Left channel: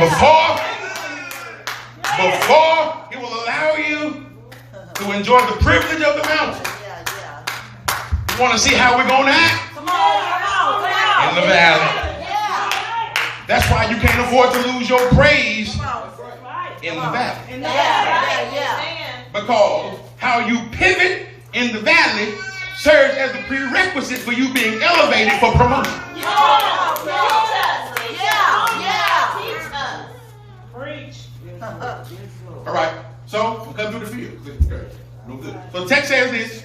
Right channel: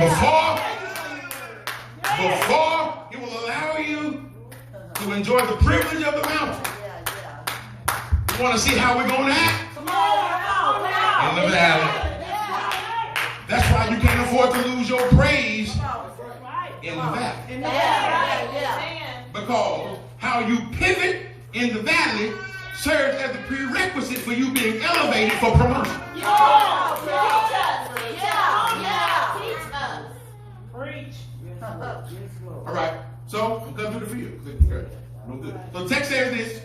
Before he will allow you to enjoy the privilege of the mountain. You want to see how we're going to act? In the valley. That's why you can't afford to lose your praise in the valley. Because how you pivot in the valley serves as the prerequisite for you being elevated for promotion. All right, so I'm cutting through the field. Okay. No good. So text says this.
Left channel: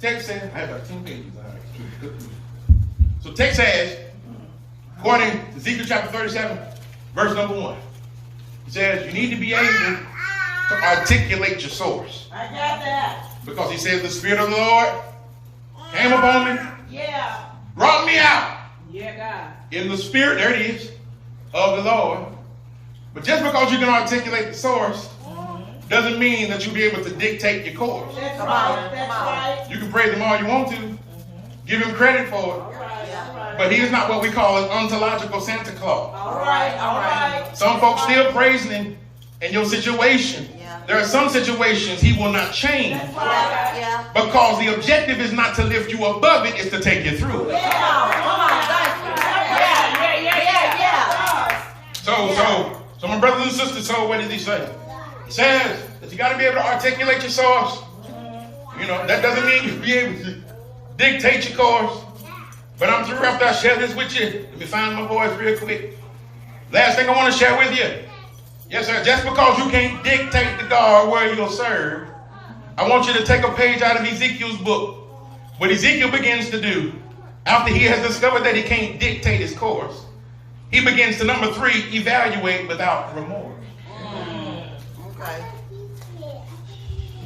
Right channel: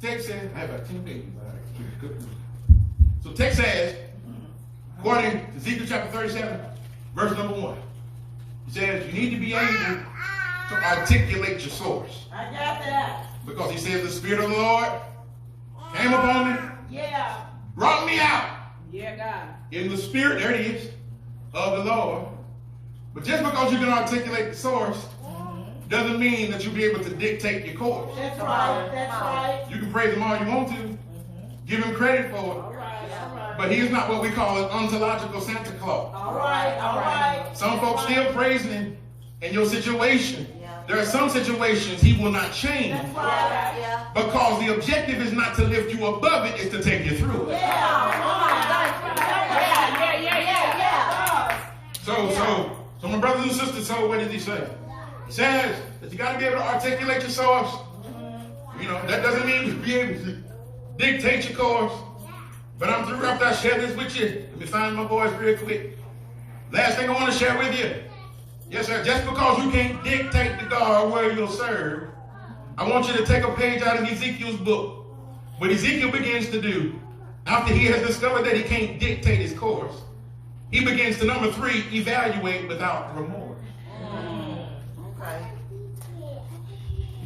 Text says, I have about 10 pages. All right. So text says, according to Ezekiel chapter 37, verse number 1, it says you need to be able to articulate your source. I got that. Because he says the Spirit of the Lord came upon me. Yeah. Brought me out. Yeah, God. In the Spirit, there it is, of the Lord. But just because you can articulate the source doesn't mean that you'll be able to dictate your course. That's right. That's right. You can praise him all you want to. Give him credit for it. But he is not what we call an ontological Santa Claus. All right. All right. Some folks still praising him in your situation. There are some situations he will not change. Because the objective is not to lift you above it, it's to take you through it. So my brothers and sisters, so what does he say? He says that you got to be able to articulate your source. You know, that doesn't mean you'll be able to dictate your course. But I'm through after I share this with you. Let me find my voice real quick. Last thing I want to share with you. Yes, sir. Just because you can't dictate to God where you'll serve, I want you to take a page out of Ezekiel's book. What Ezekiel begins to do after he has discovered that he can't dictate his course, he begins to, number 3, evaluate without remorse. Okay.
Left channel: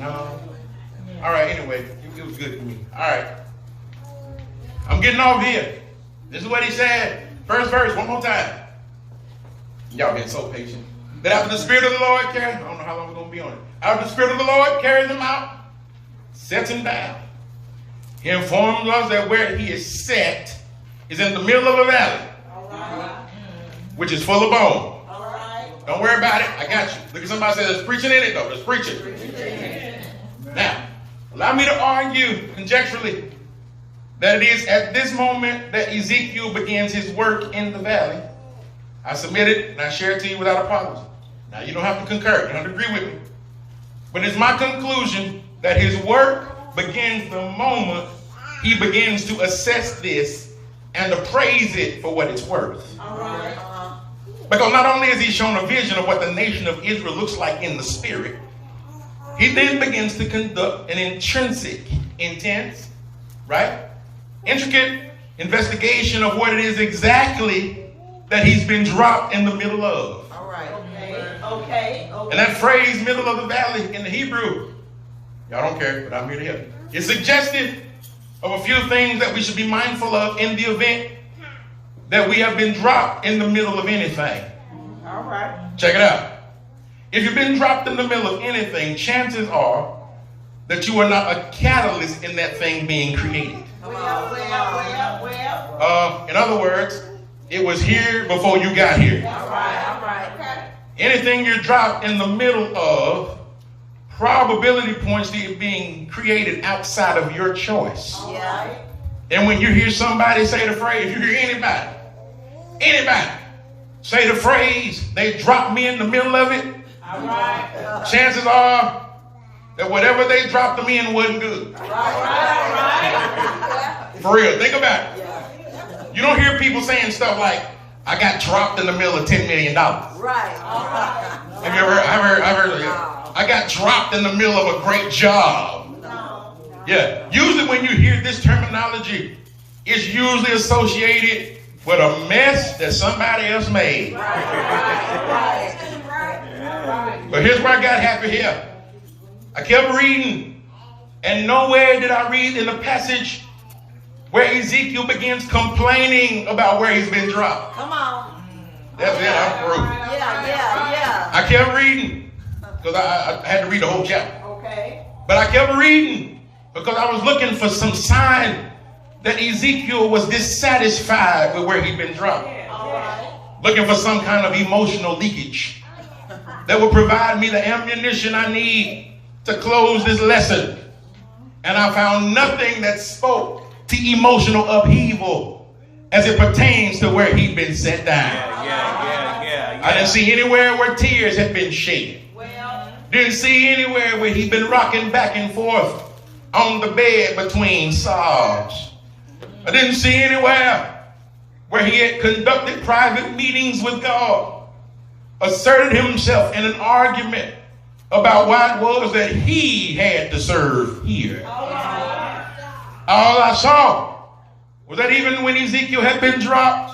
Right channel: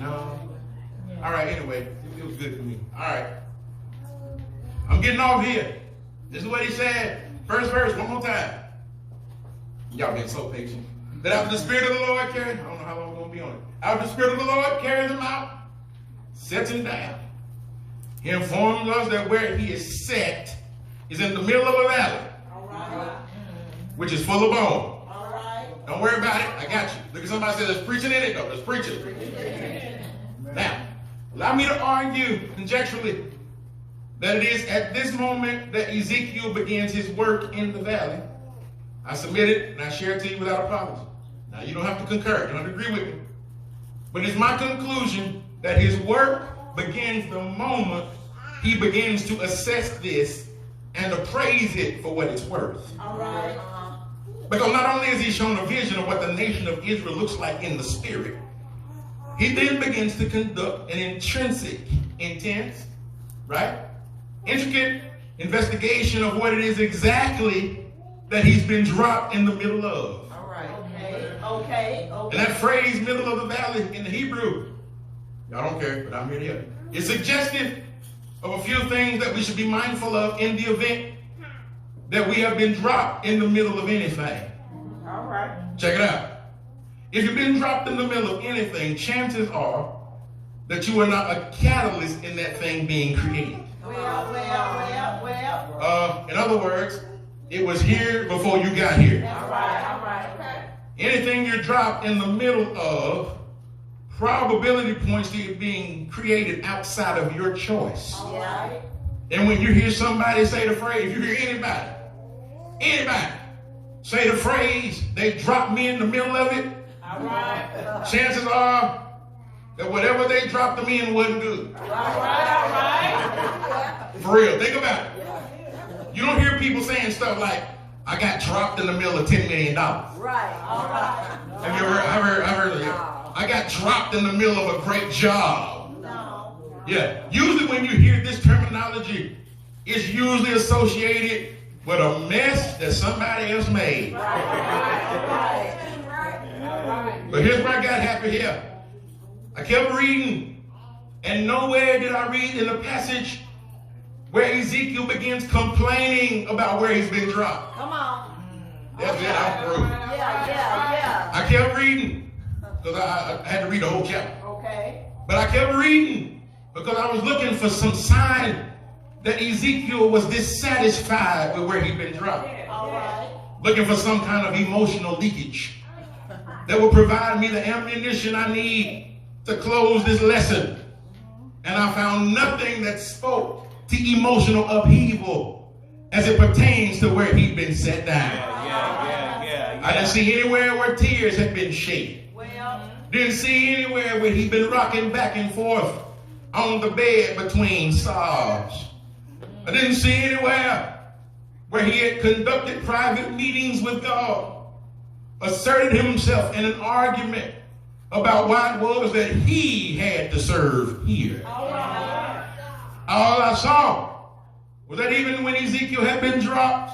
No. All right, anyway, it was good to me. All right. I'm getting off here. This is what he said. First verse, one more time. Y'all been so patient. That after the Spirit of the Lord carries, I don't know how long we're going to be on it. After the Spirit of the Lord carries him out, sets him down. He informs us that where he is set is in the middle of a valley. Which is full of bone. All right. Don't worry about it. I got you. Look at somebody say, there's preaching in it, though. There's preaching. Now, allow me to argue conjecturally that it is at this moment that Ezekiel begins his work in the valley. I submit it and I share it to you without apology. Now, you don't have to concur. You don't have to agree with me. But it's my conclusion that his work begins the moment he begins to assess this and appraise it for what it's worth. All right. Because not only is he shown a vision of what the nation of Israel looks like in the spirit, he then begins to conduct an intrinsic, intense, right? Intricate investigation of what it is exactly that he's been dropped in the middle of. All right. Okay. And that phrase, middle of the valley, in the Hebrew, y'all don't care, but I'm here to help you. It's suggestive of a few things that we should be mindful of in the event that we have been dropped in the middle of anything. All right. Check it out. If you've been dropped in the middle of anything, chances are that you are not a catalyst in that thing being created. Well. In other words, it was here before you got here. All right. Anything you're dropped in the middle of, probability points to it being created outside of your choice. Yeah. And when you hear somebody say the phrase, if you hear anybody say the phrase, they dropped me in the middle of it, All right. chances are that whatever they dropped them in wasn't good. All right. For real, think about it. You don't hear people saying stuff like, I got dropped in the middle of $10 million. Right. All right. Have you ever heard? I've heard of it. I got dropped in the middle of a great job. No. Yeah. Usually when you hear this terminology, it's usually associated with a mess that somebody else made. Right. But here's where I got happy here. I kept reading, and nowhere did I read in the passage where Ezekiel begins complaining about where he's been dropped. Come on. That's it, I'm through. Yeah. I kept reading, because I had to read the whole chapter. Okay. But I kept reading, because I was looking for some sign that Ezekiel was dissatisfied with where he'd been dropped. All right. looking for some kind of emotional leakage that will provide me the ammunition I need to close this lesson. And I found nothing that spoke to emotional upheaval as it pertains to where he'd been set down. I didn't see anywhere where tears had been shed. Didn't see anywhere where he'd been rocking back and forth on the bed between sobs. I didn't see anywhere where he had conducted private meetings with God, asserted himself in an argument about why it was that he had to serve here. All I saw was that even when Ezekiel had been dropped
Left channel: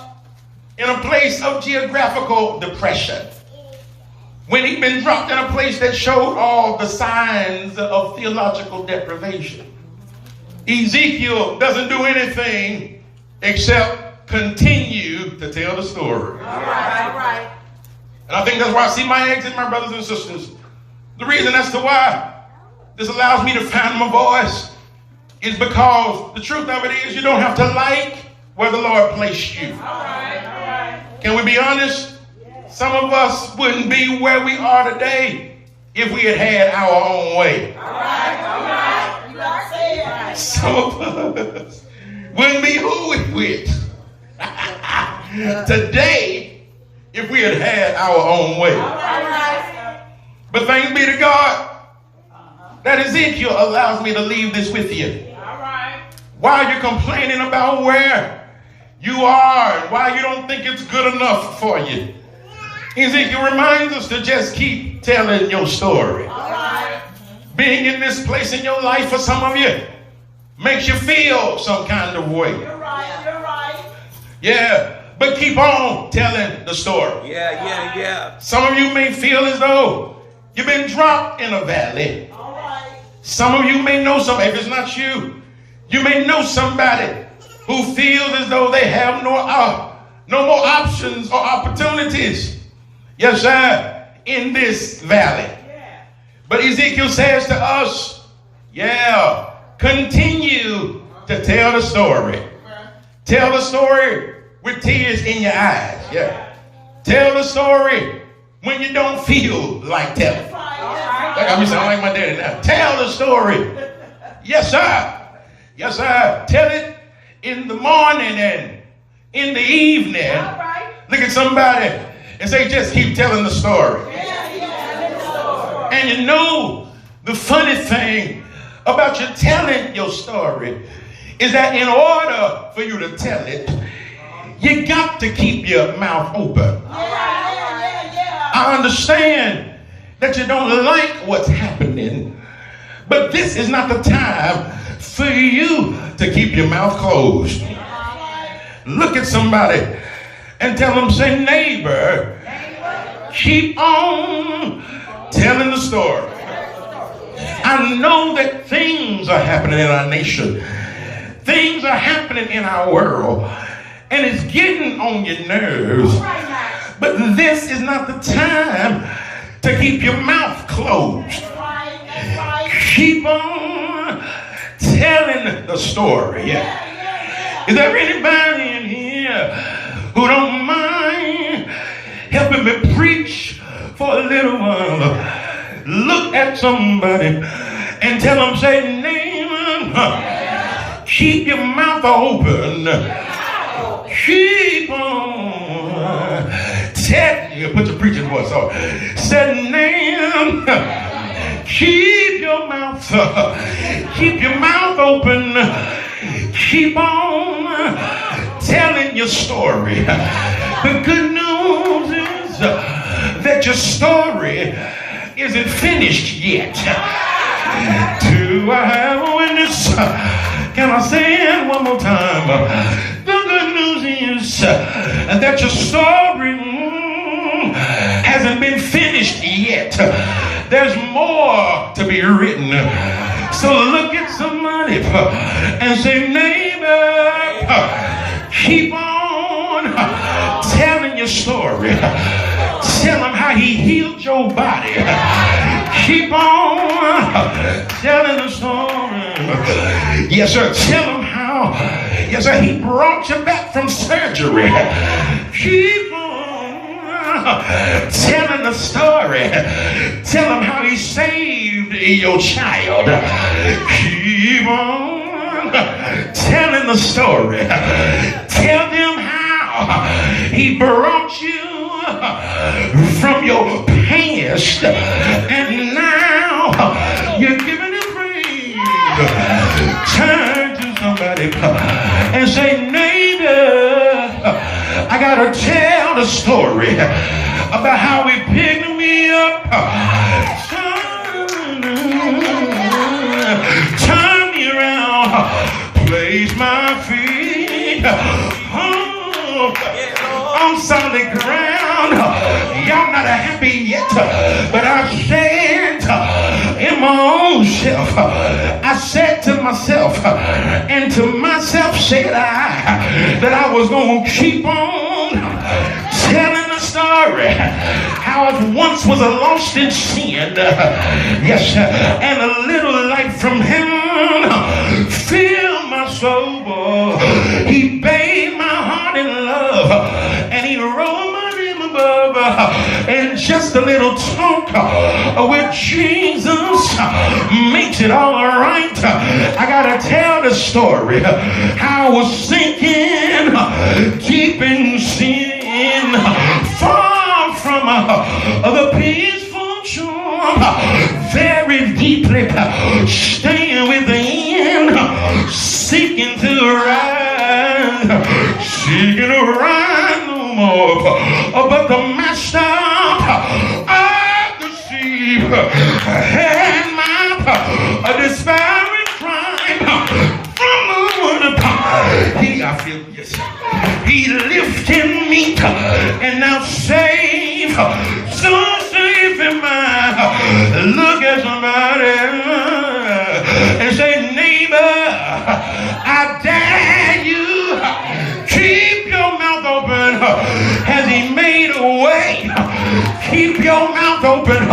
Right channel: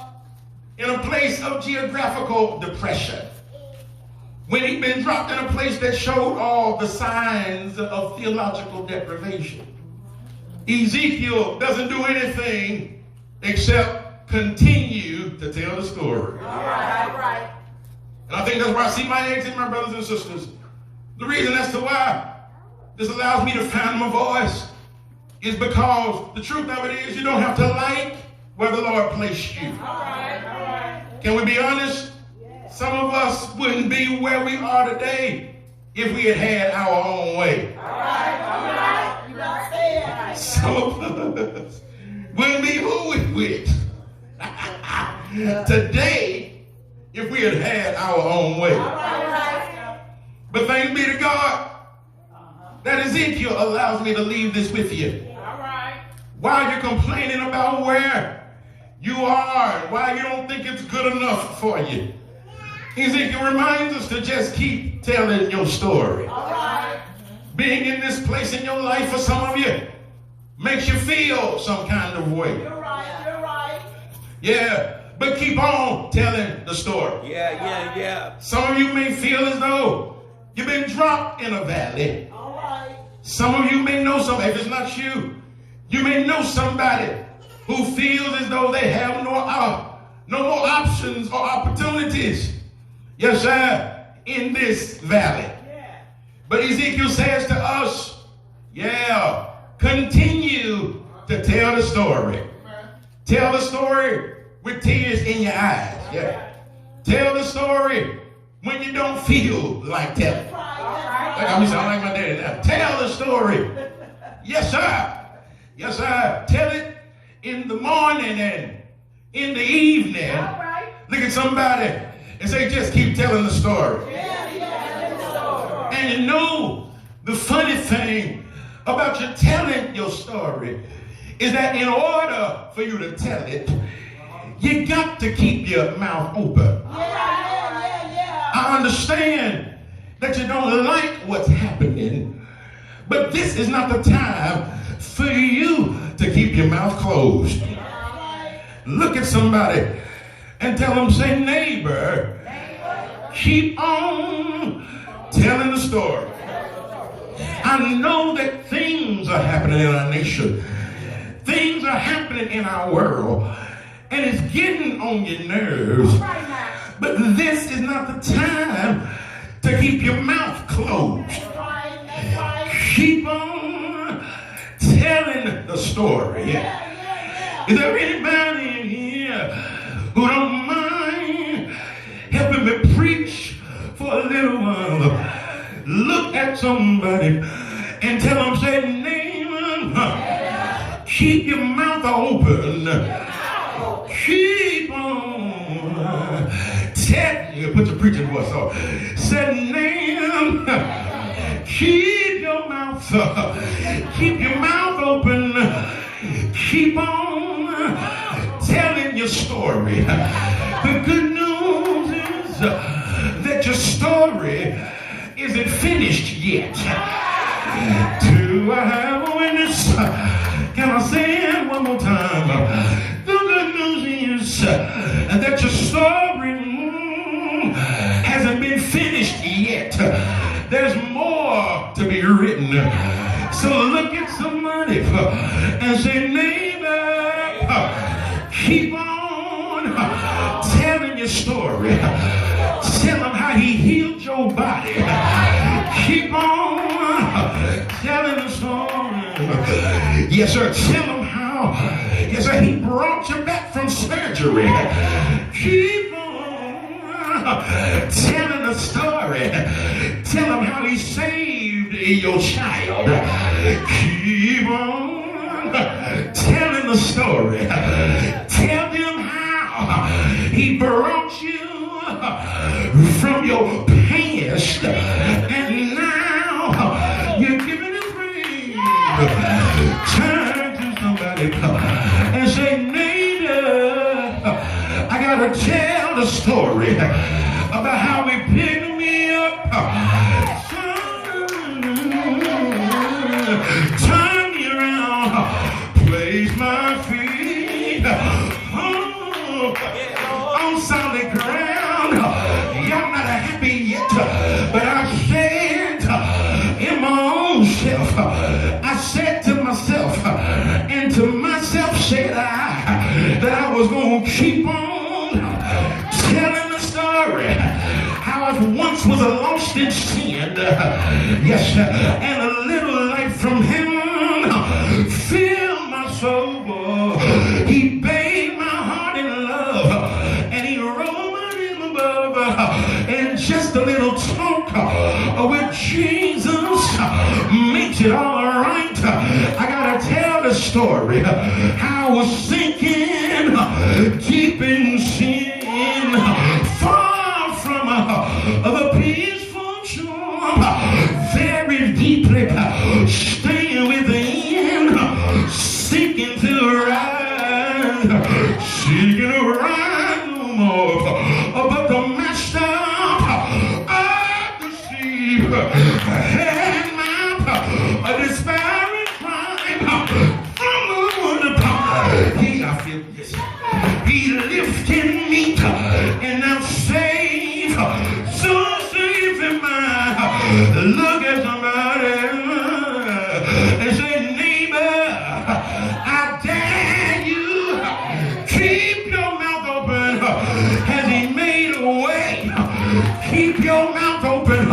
in a place of geographical depression, when he'd been dropped in a place that showed all the signs of theological deprivation, Ezekiel doesn't do anything except continue to tell the story. And I think that's why I see my exit, my brothers and sisters. The reason as to why this allows me to find my voice is because the truth of it is you don't have to like where the Lord placed you. Can we be honest? Some of us wouldn't be where we are today if we had had our own way. Some of us wouldn't be who we with today if we had had our own way. But thanks be to God that Ezekiel allows me to leave this with you. While you're complaining about where you are and why you don't think it's good enough for you, Ezekiel reminds us to just keep telling your story. Being in this place in your life for some of you makes you feel some kind of way. You're right. Yeah, but keep on telling the story. Yeah. Some of you may feel as though you've been dropped in a valley. Some of you may know somebody, if it's not you, you may know somebody who feels as though they have no more options or opportunities. Yes, sir, in this valley. But Ezekiel says to us, continue to tell the story. Tell the story with tears in your eyes. Tell the story when you don't feel like telling. Like I'm sounding like my daddy now. Tell the story. Yes, sir. Tell it in the morning and in the evening. Look at somebody and say, just keep telling the story. And you know, the funny thing about you telling your story is that in order for you to tell it, you got to keep your mouth open. I understand that you don't like what's happening, but this is not the time for you to keep your mouth closed. Look at somebody and tell them, say, neighbor, keep on telling the story. I know that things are happening in our nation. Things are happening in our world. And it's getting on your nerves. But this is not the time to keep your mouth closed. Keep on telling the story. Is there anybody in here who don't mind helping me preach for a little while? Look at somebody and tell them, say, neighbor, keep your mouth open. Keep on telling you. Put your preaching voice on. Say, neighbor, keep your mouth open. Keep on telling your story. The good news is that your story isn't finished yet. Do I have a witness? Can I say it one more time? The good news is that your story hasn't been finished yet. There's more to be written. So look at somebody and say, neighbor, keep on telling your story. Tell them how he healed your body. Keep on telling the story. Yes, sir. Tell them how, yes, sir, he brought you back from surgery. Keep on telling the story. Tell them how he saved your child. Keep on telling the story. Tell them how he brought you from your past, and now you're giving it praise. Turn to somebody and say, neighbor, I gotta tell the story about how he picked me up. Turn me around, place my feet on solid ground. Y'all not happy yet, but I said in my own self, I said to myself, and to myself said I, that I was going to keep on telling the story how I once was a lost in sin, yes, and a little light from heaven filled my soul. He bathed my heart in love, and he rolled my name above, and just a little talk with Jesus makes it all right. I gotta tell the story how I was sinking deep in sin, far from the peaceful shore, very deeply staying within, seeking to rise no more. But the master of the sheep had my despairing cry from the top. He lifted me and now saved, so safe in mine. Look at somebody and say, neighbor, I dare you, keep your mouth open. Has he made a way? Keep your mouth open.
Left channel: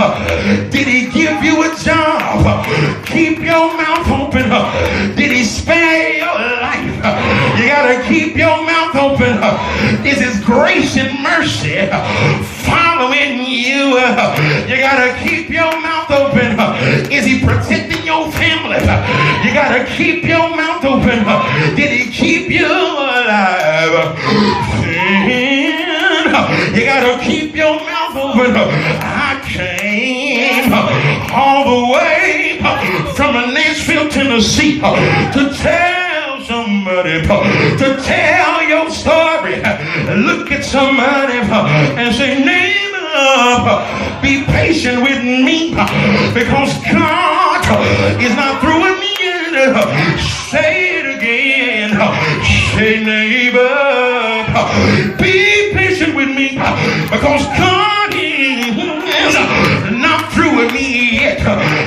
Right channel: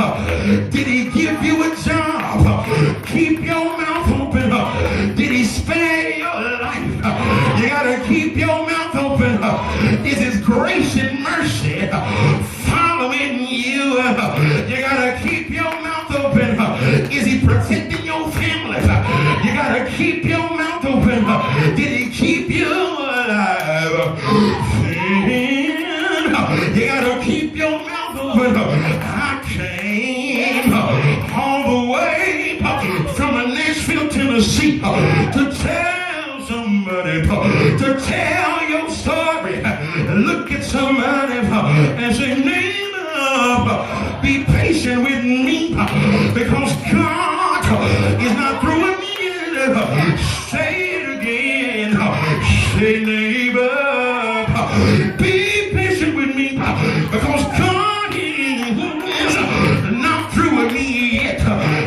Did he give you a job? Keep your mouth open. Did he spare your life? You gotta keep your mouth open. Is his grace and mercy following you? You gotta keep your mouth open. Is he protecting your family? You gotta keep your mouth open. Did he keep you alive? You gotta keep your mouth open. I came all the way from Nashville, Tennessee to tell somebody, to tell your story. Look at somebody and say, neighbor, be patient with me, because God is not through with me yet. Say it again. Say, neighbor, be patient with me, because God is not through with me yet.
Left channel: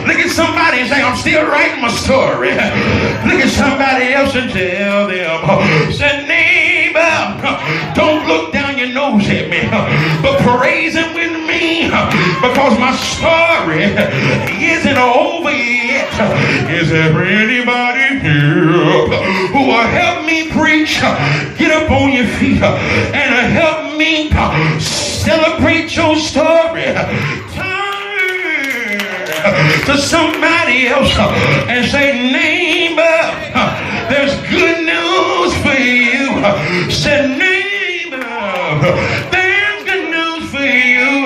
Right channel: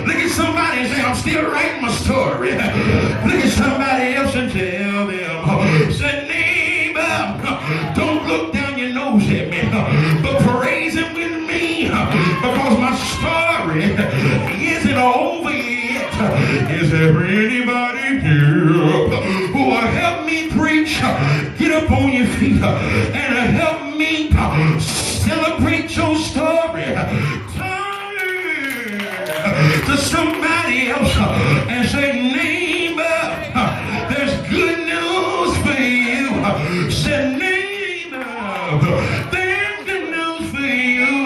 Look at somebody and say, I'm still writing my story. Look at somebody else and tell them, say, neighbor, don't look down your nose at me, but praise him with me, because my story isn't over yet. Is there anybody here who will help me preach? Get up on your feet and help me celebrate your story. Turn to somebody else and say, neighbor, there's good news for you. Say, neighbor, there's good news for you,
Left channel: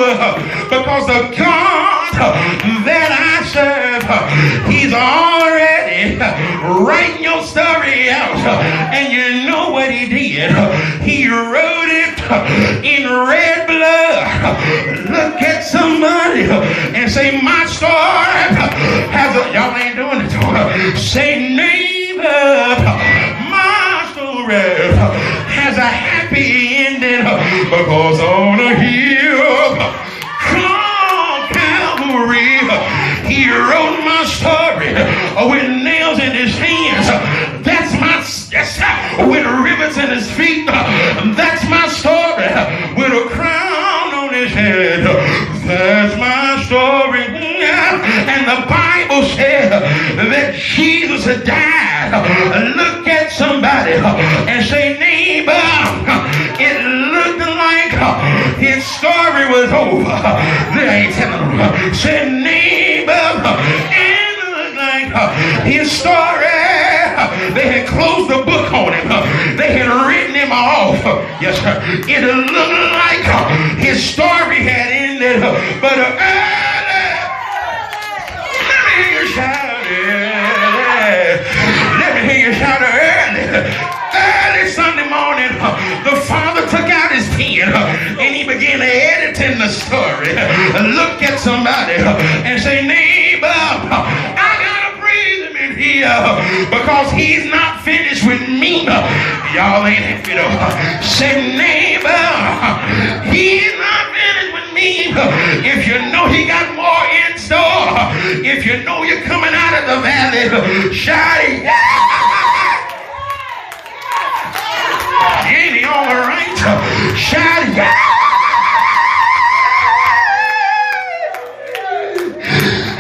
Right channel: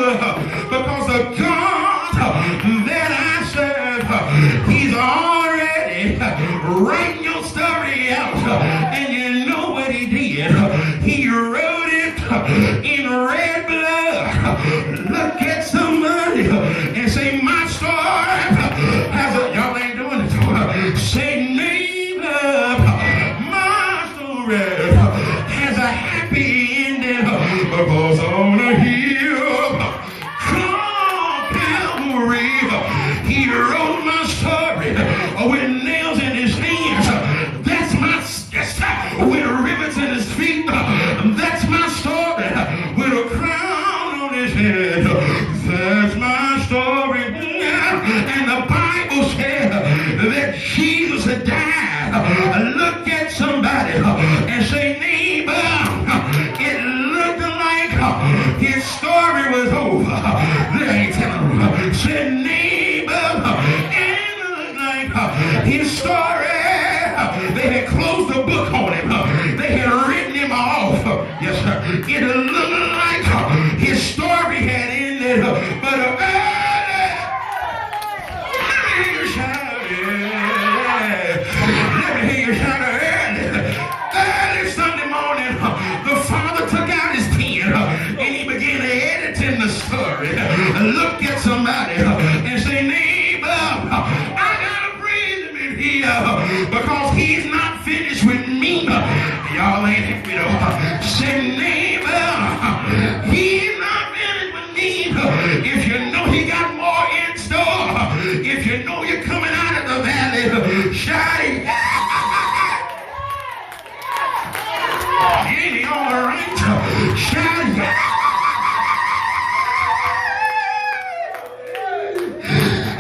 because the God that I serve, he's already writing your story out. And you know what he did? He wrote it in red blood. Look at somebody and say, my story has a, y'all ain't doing it. Say, neighbor, my story has a happy ending, because on a hill called Calvary, he wrote my story with nails in his hands. That's my, yes, with ribbons in his feet. That's my story. With a crown on his head. That's my story. And the Bible said that Jesus had died. Look at somebody and say, neighbor, it looked like his story was story, they had closed the book on him. They had written him off. Yes, sir. It looked like his story had ended, but let me hear you shout it. Let me hear you shout it early Sunday morning. The father took out his pen and he began editing the story. Look at somebody and say, neighbor, I gotta breathe him in here because he's not finished with me. Y'all ain't happy though. Say, neighbor, he's not finished with me. If you know he got more in store, if you know you're coming out of the valley, shout it. Ain't he all right? Shout it.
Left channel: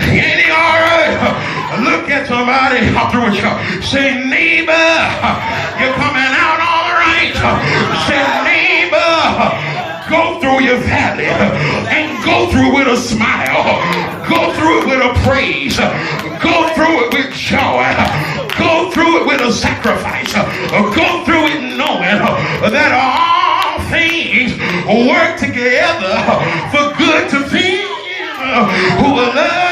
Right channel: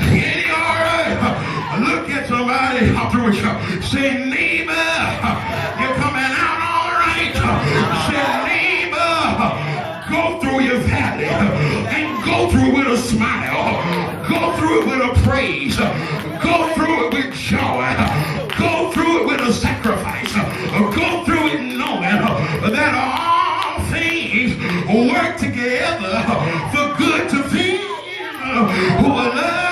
Ain't he all right? Look at somebody. I'll throw it. Say, neighbor, you're coming out all right. Say, neighbor, go through your valley and go through with a smile. Go through it with a praise. Go through it with joy. Go through it with a sacrifice. Go through it knowing that all things work together for good to them who are loved